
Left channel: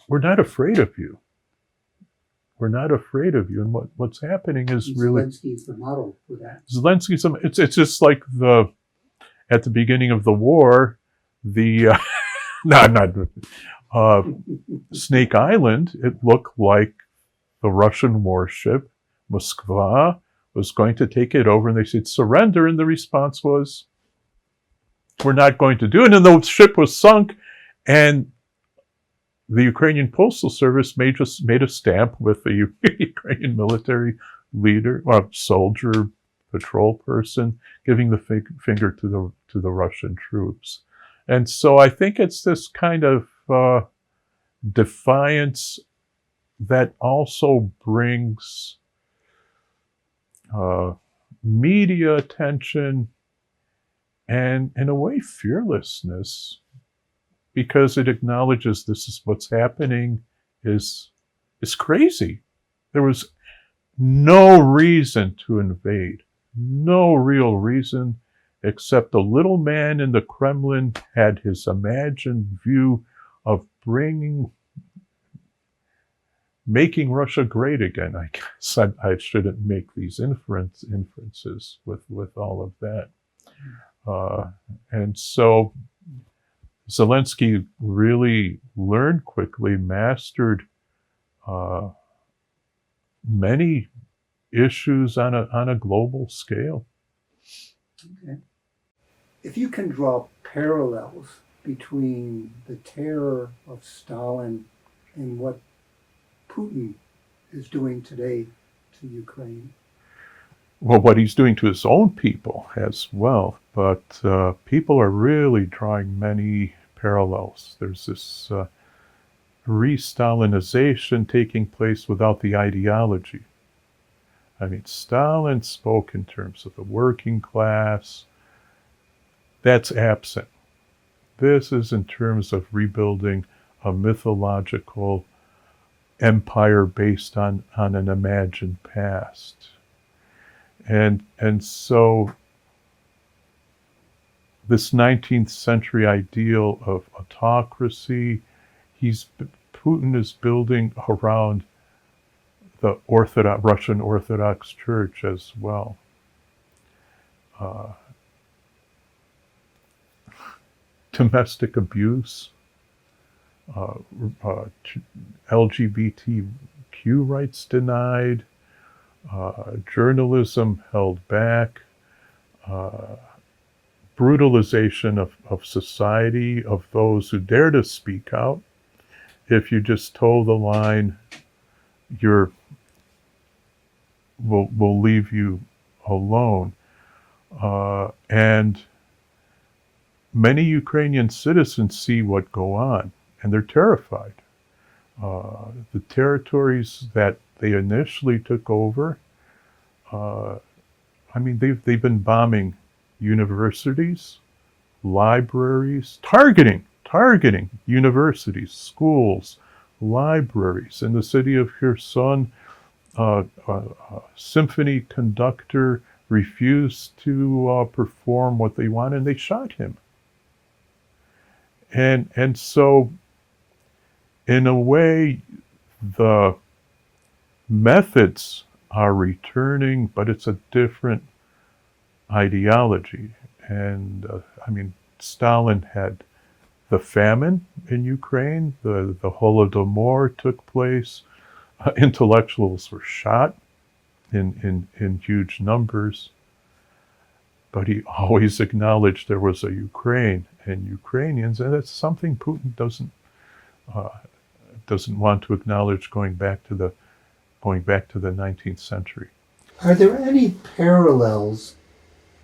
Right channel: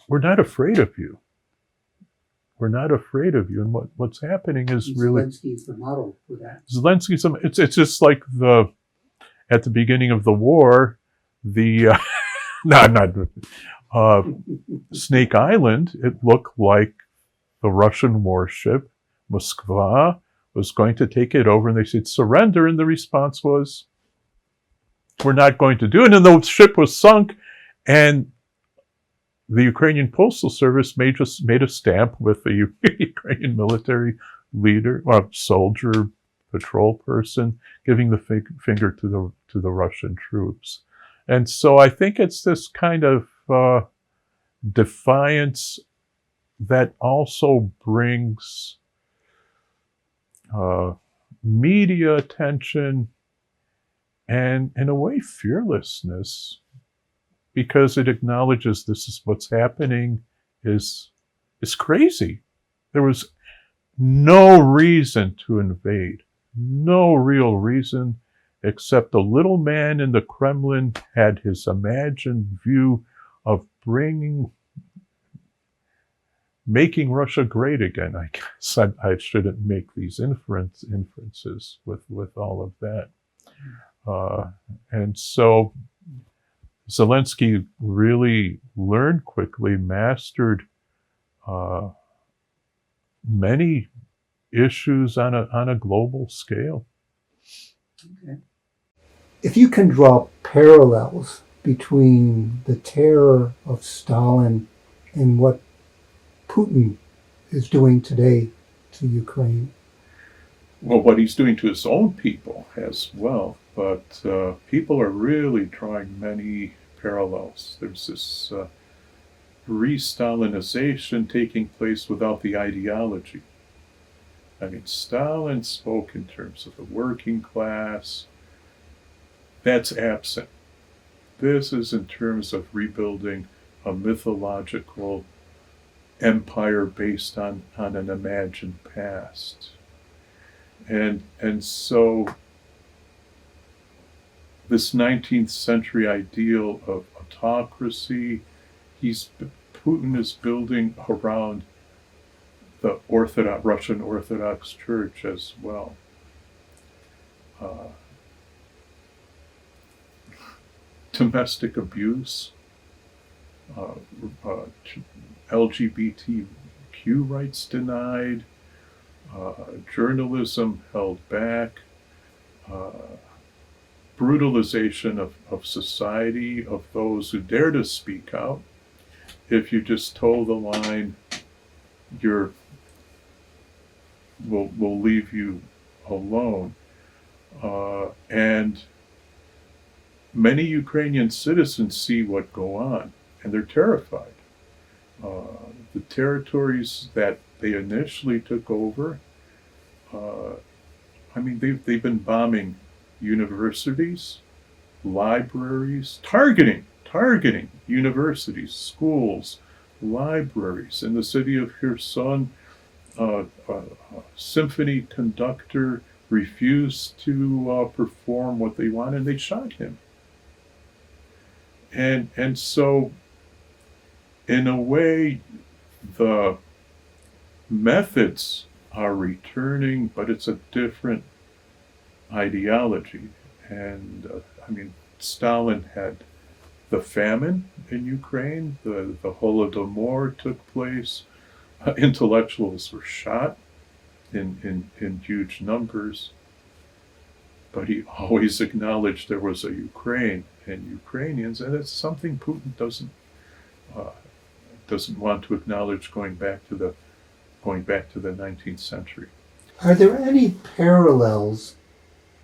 we're not afraid of you. We're not afraid of you. And what's happening is And really Zelensky is the model for that. Zelensky's. It's just like at the beginning of the war, the no, not Snake Island. It looked like the Russian warship Moskva was going to take it over, and they said surrender, and the response was, "We're not going to do it." And the ship was sunk, and the Ukrainian Postal Service made a stamp with the Ukrainian military leader, soldier, patrol person, giving the finger to the Russian troops. And so I think it's this kind of defiance that also brings media attention and, in a way, fearlessness, because it acknowledges this is what's happening is crazy. There was no reason to invade, no real reason, except the little man in the Kremlin had his imagined view of making Russia great again. I guess I shouldn't make these inferences with all of that. And so Zelensky really learned quickly, mastered many issues on a global scale. Okay. If you can draw parallels between the terror of Stalin and what Putin is doing today to Ukraine. Well, what he's doing to his own people as well, but people are really drawing many parallels. There's this re-Stalinization taking place without the ideology. I mean, Stalin spoke in terms of the working class. That's absent. This is in terms of rebuilding a mythological empire based on an imagined past. And so this 19th century ideal of autocracy, Putin is building around the Russian Orthodox Church as well. Domestic abuse, LGBTQ rights denied, journalism held back, brutalization of society, of those who dare to speak out. If you just toe the line, we'll leave you alone. And many Ukrainian citizens see what go on, and they're terrified. The territories that they initially took over, they've been bombing universities, libraries, targeting universities, schools, libraries. In the city of Kherson, a symphony conductor refused to perform what they wanted, and they shot him. And so, in a way, the methods are returning, but it's a different ideology. And Stalin had the famine in Ukraine, the Holodomor took place, intellectuals were shot in huge numbers, but he always acknowledged there was a Ukraine and Ukrainians, and it's something Putin doesn't want to acknowledge going back to the 19th century. Are there any parallels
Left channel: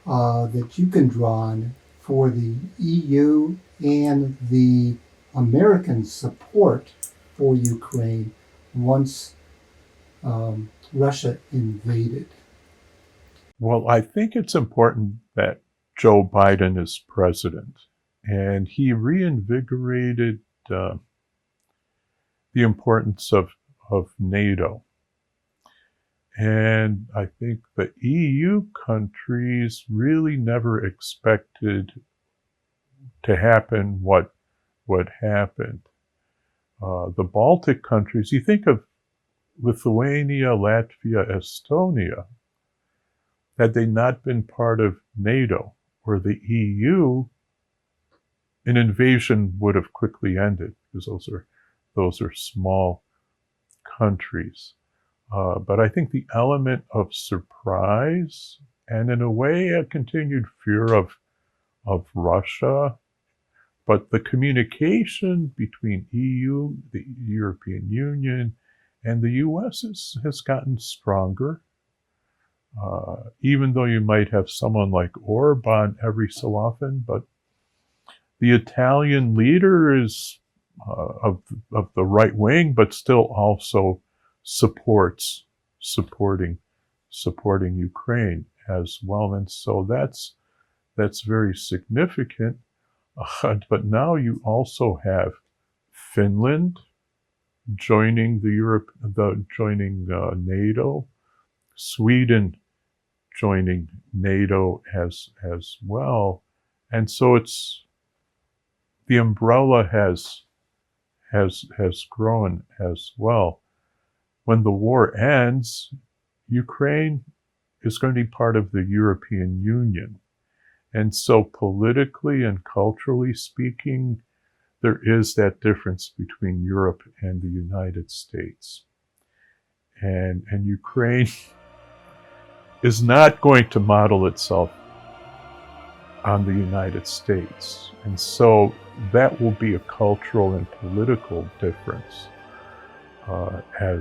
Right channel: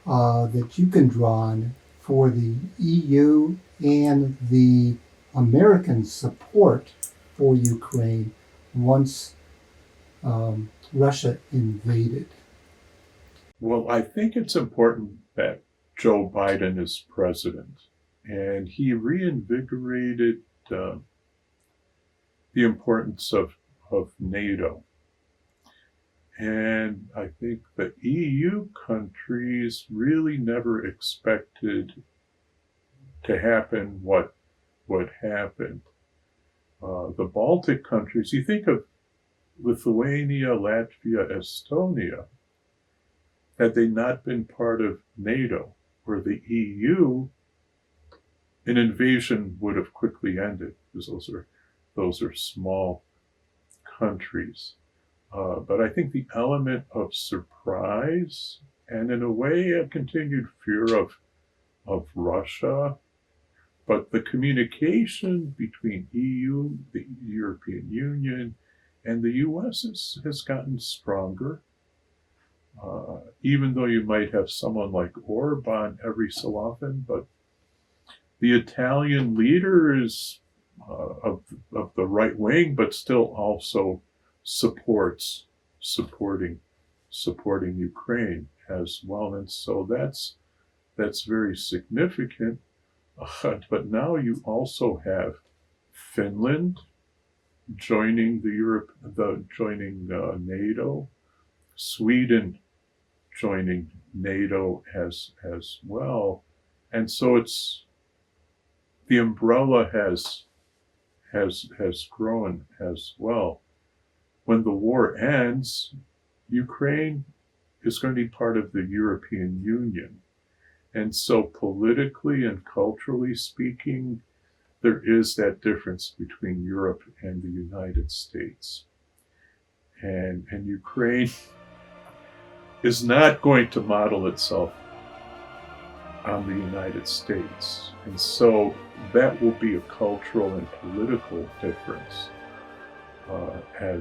that you can draw on for the EU and the American support for Ukraine once Russia invaded? Well, I think it's important that Joe Biden is president, and he reinvigorated the importance of NATO. And I think the EU countries really never expected to happen what happened. the Baltic countries, you think of Lithuania, Latvia, Estonia, had they not been part of NATO or the EU, an invasion would have quickly ended because those are small countries. But I think the element of surprise and, in a way, a continued fear of Russia, but the communication between EU, the European Union, and the U.S. has gotten stronger. Even though you might have someone like Orban every so often, but the Italian leader is of the right wing, but still also supporting Ukraine as well, and so that's very significant. But now you also have Finland joining joining NATO, Sweden joining NATO as well, and so it's the umbrella has grown as well. When the war ends, Ukraine is going to be part of the European Union. And so politically and culturally speaking, there is that difference between Europe and the United States. And Ukraine is not going to model itself on the United States. And so that will be a cultural and political difference as